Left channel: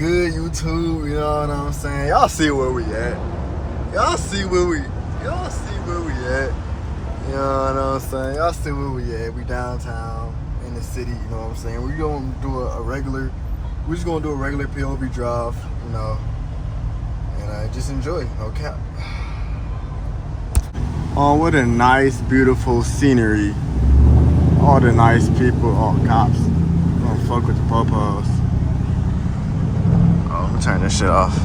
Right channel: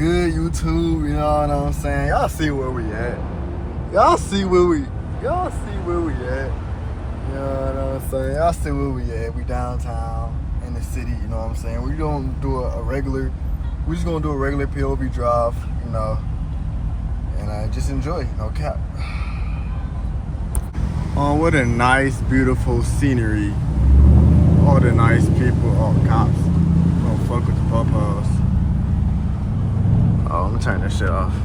good, YouTube? You know what I'm saying? Y'all see where we at. Y'all see where we at. You know what I'm saying? Y'all see where we at. We downtown in the city, you know what I'm saying? We gonna do we're just gonna do a regular POV drive, you know, and just enjoy, no cap. Oh, what a nice, beautiful scenery. All the nice people. Oh, cops. Don't fuck with the po-pos. Oh, I'm gonna turn this shit off.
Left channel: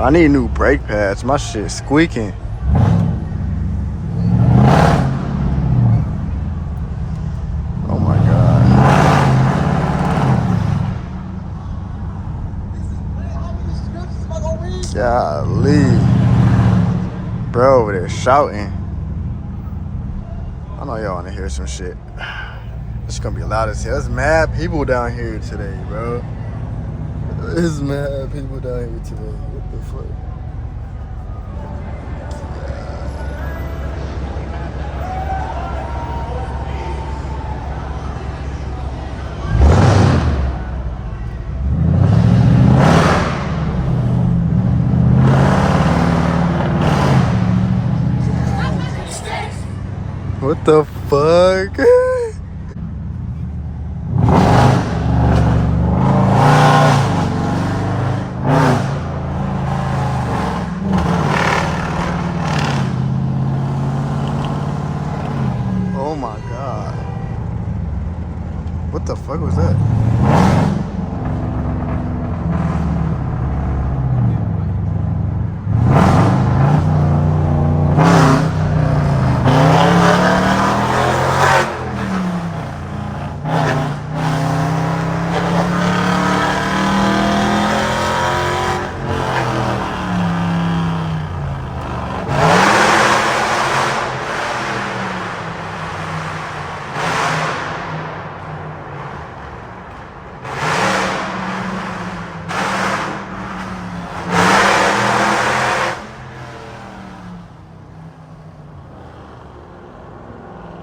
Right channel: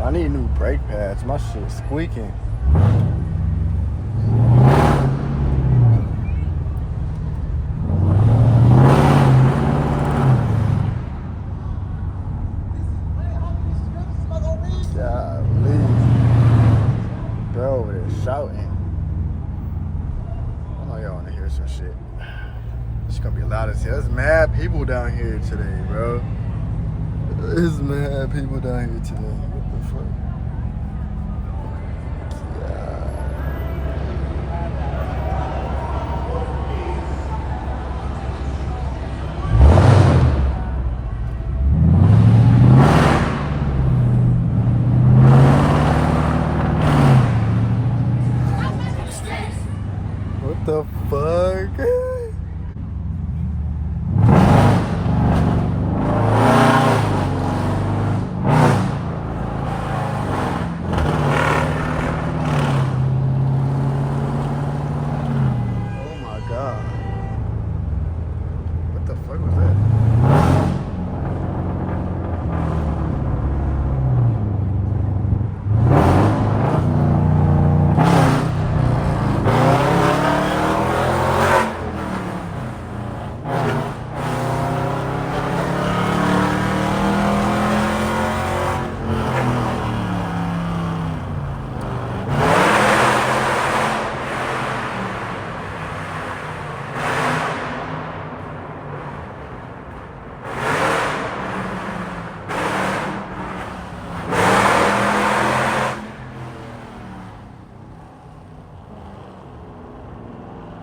I need new brake pads. My shit squeaking. Oh my god. Golly. Bro, over there shouting. I know y'all wanna hear some shit. It's gonna be loud as hell. There's mad people down here today, bro. There's mad people down here today. What the fuck? What the fuck? Oh my god. What the fuck was that?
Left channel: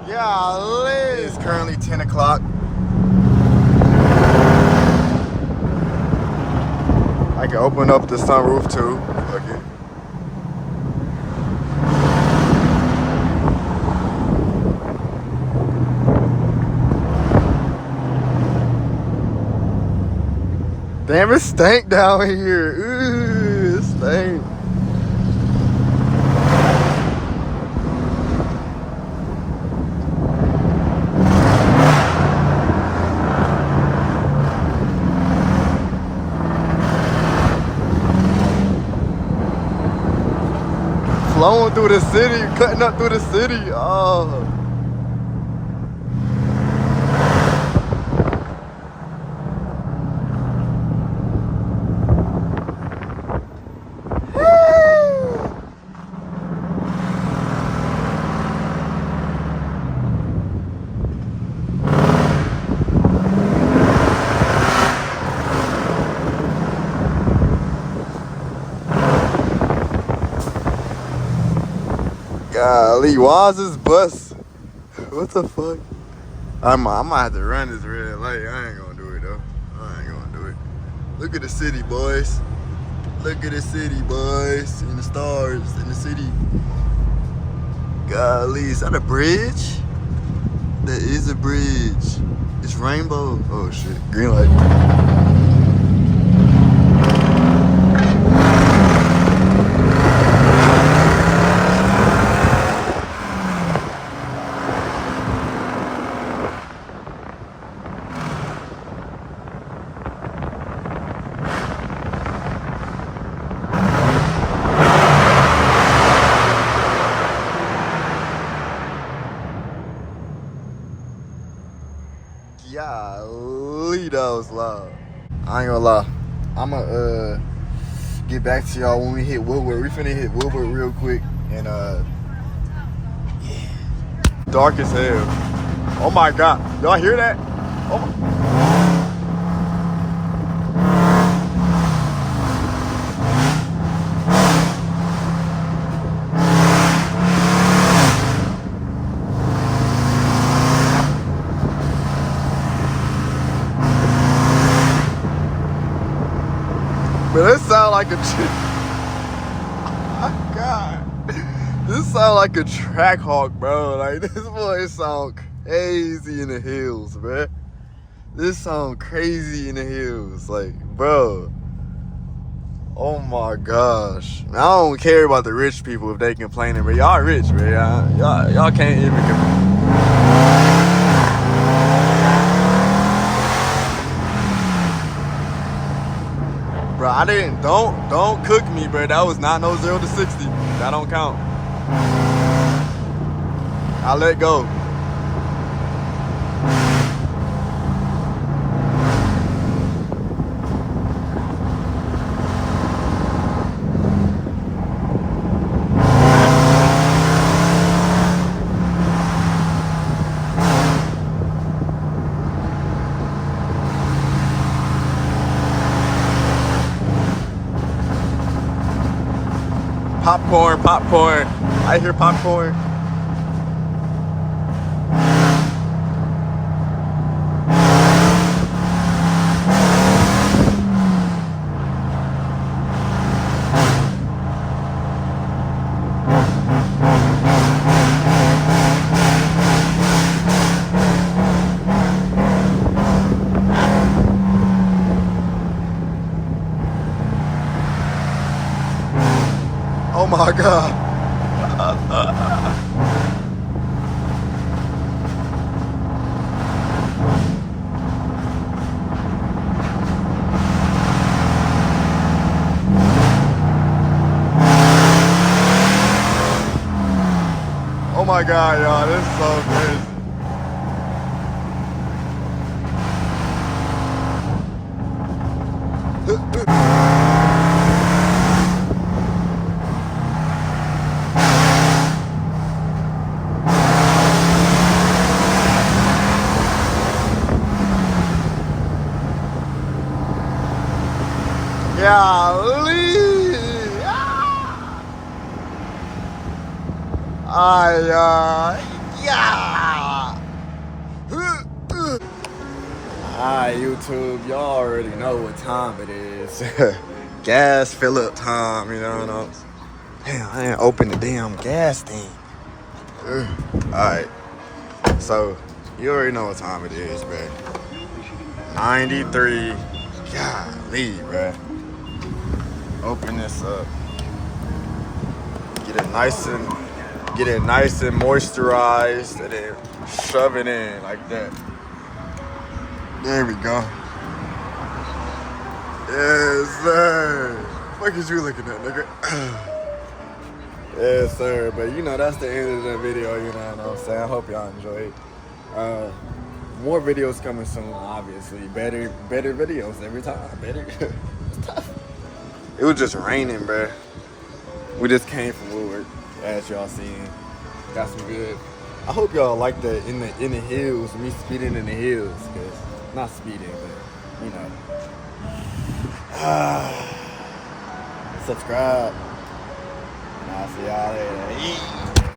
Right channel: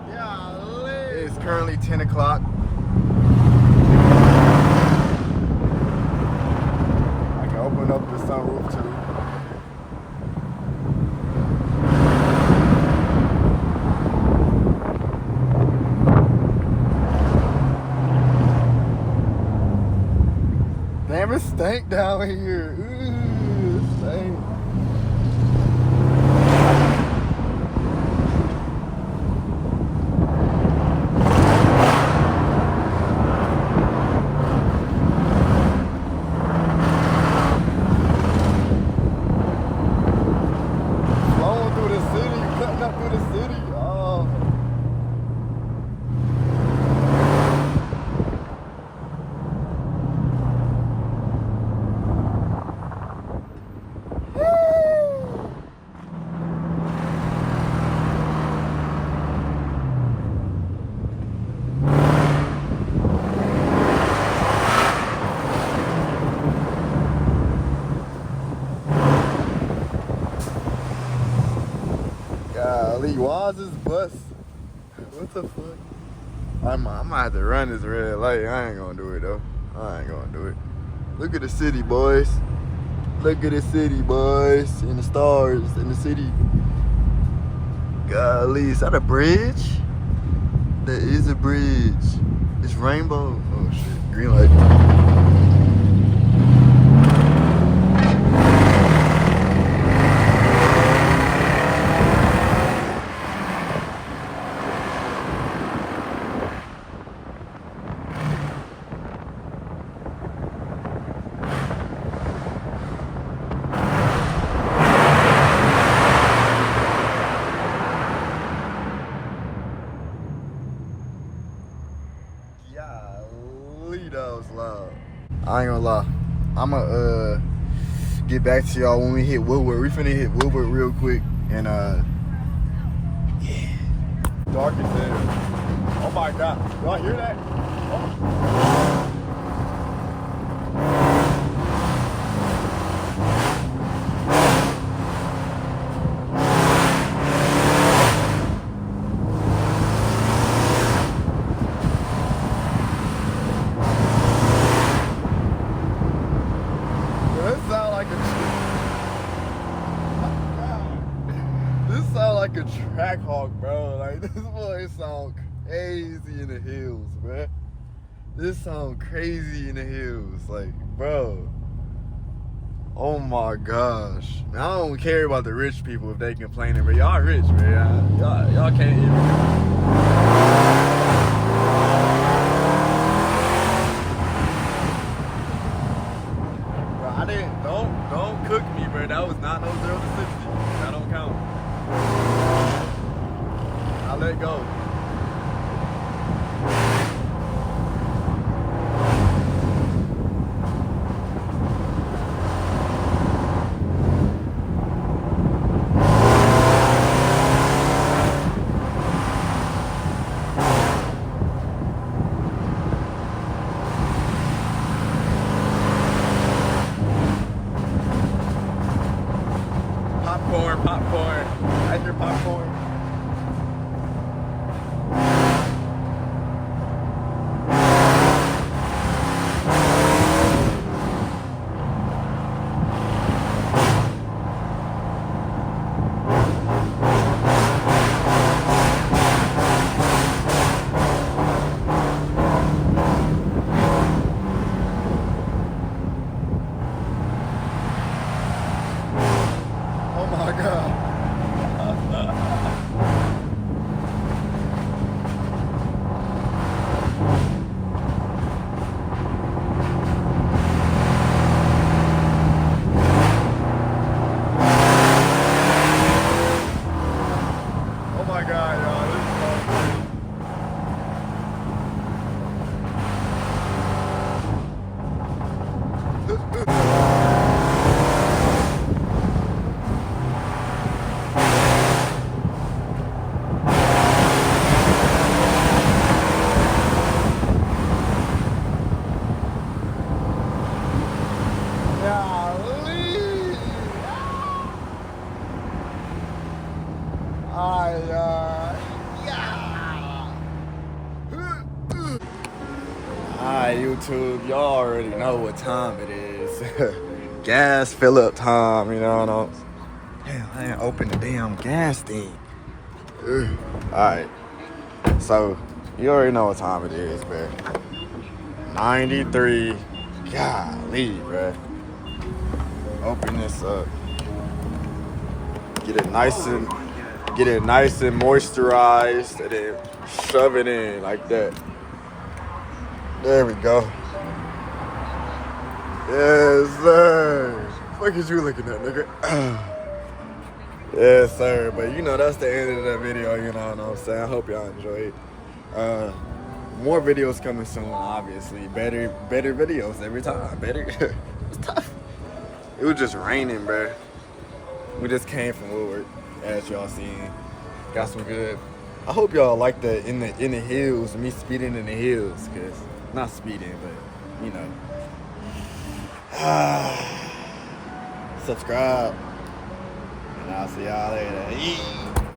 Golly. It is currently 10 o'clock. I can open up the sunroof too. Okay. Damn, it stank down here. Ooh, it stank. Flowing through the city, cutting up through the city. Oh. Golly, why is this bus? What the fuck? I might have to run this red light. I ain't gonna do it though. I ain't gonna do it. Look at the city, boys. Look at the city, boys. And the stars in the city. Golly, is that a bridge? That is a bridge. It's rainbow. Oh shit, green light. Golly, that was loud. I ain't gonna lie. I'ma get back to y'all when we hit Woodward. We finna hit Woodward real quick and yeah. Dark as hell. Oh my god. Y'all hear that? Oh my. like a track hawk, bro. Like, this boy sound crazy in the hills, bro. This sound crazy in the hills. Like, bro. Oh my gosh. I don't care about the rich people if they complaining, but y'all rich, bro. Y'all can't even complain. Bro, I didn't, don't cook me, bro. That was not no 0 to 60. That don't count. I let go. Popcorn, popcorn. I hear popcorn. Oh my God. Oh my God, y'all, this is so crazy. Golly. Yeah. Alright, YouTube, y'all already know what time it is. Gas fill up time, you know. Damn, I didn't open the damn gas thing. Alright, so you already know what time it is, bruh. 93. Golly, bruh. Open this up. Get it nice and moisturized, and then shove it in like that. There we go. Yes, sir. What is you looking at, nigga? Yes, sir. But you know, that's the end of the video, you know what I'm saying? I hope y'all enjoyed. More videos coming soon, obviously. Better videos every time. Better. It's tough. It was just raining, bruh. We just came from Woodward, as y'all seen. Got some good. I hope y'all like the in the hills, me speeding in the hills, cause not speeding, but you know. Subscribe, and I'll see y'all later.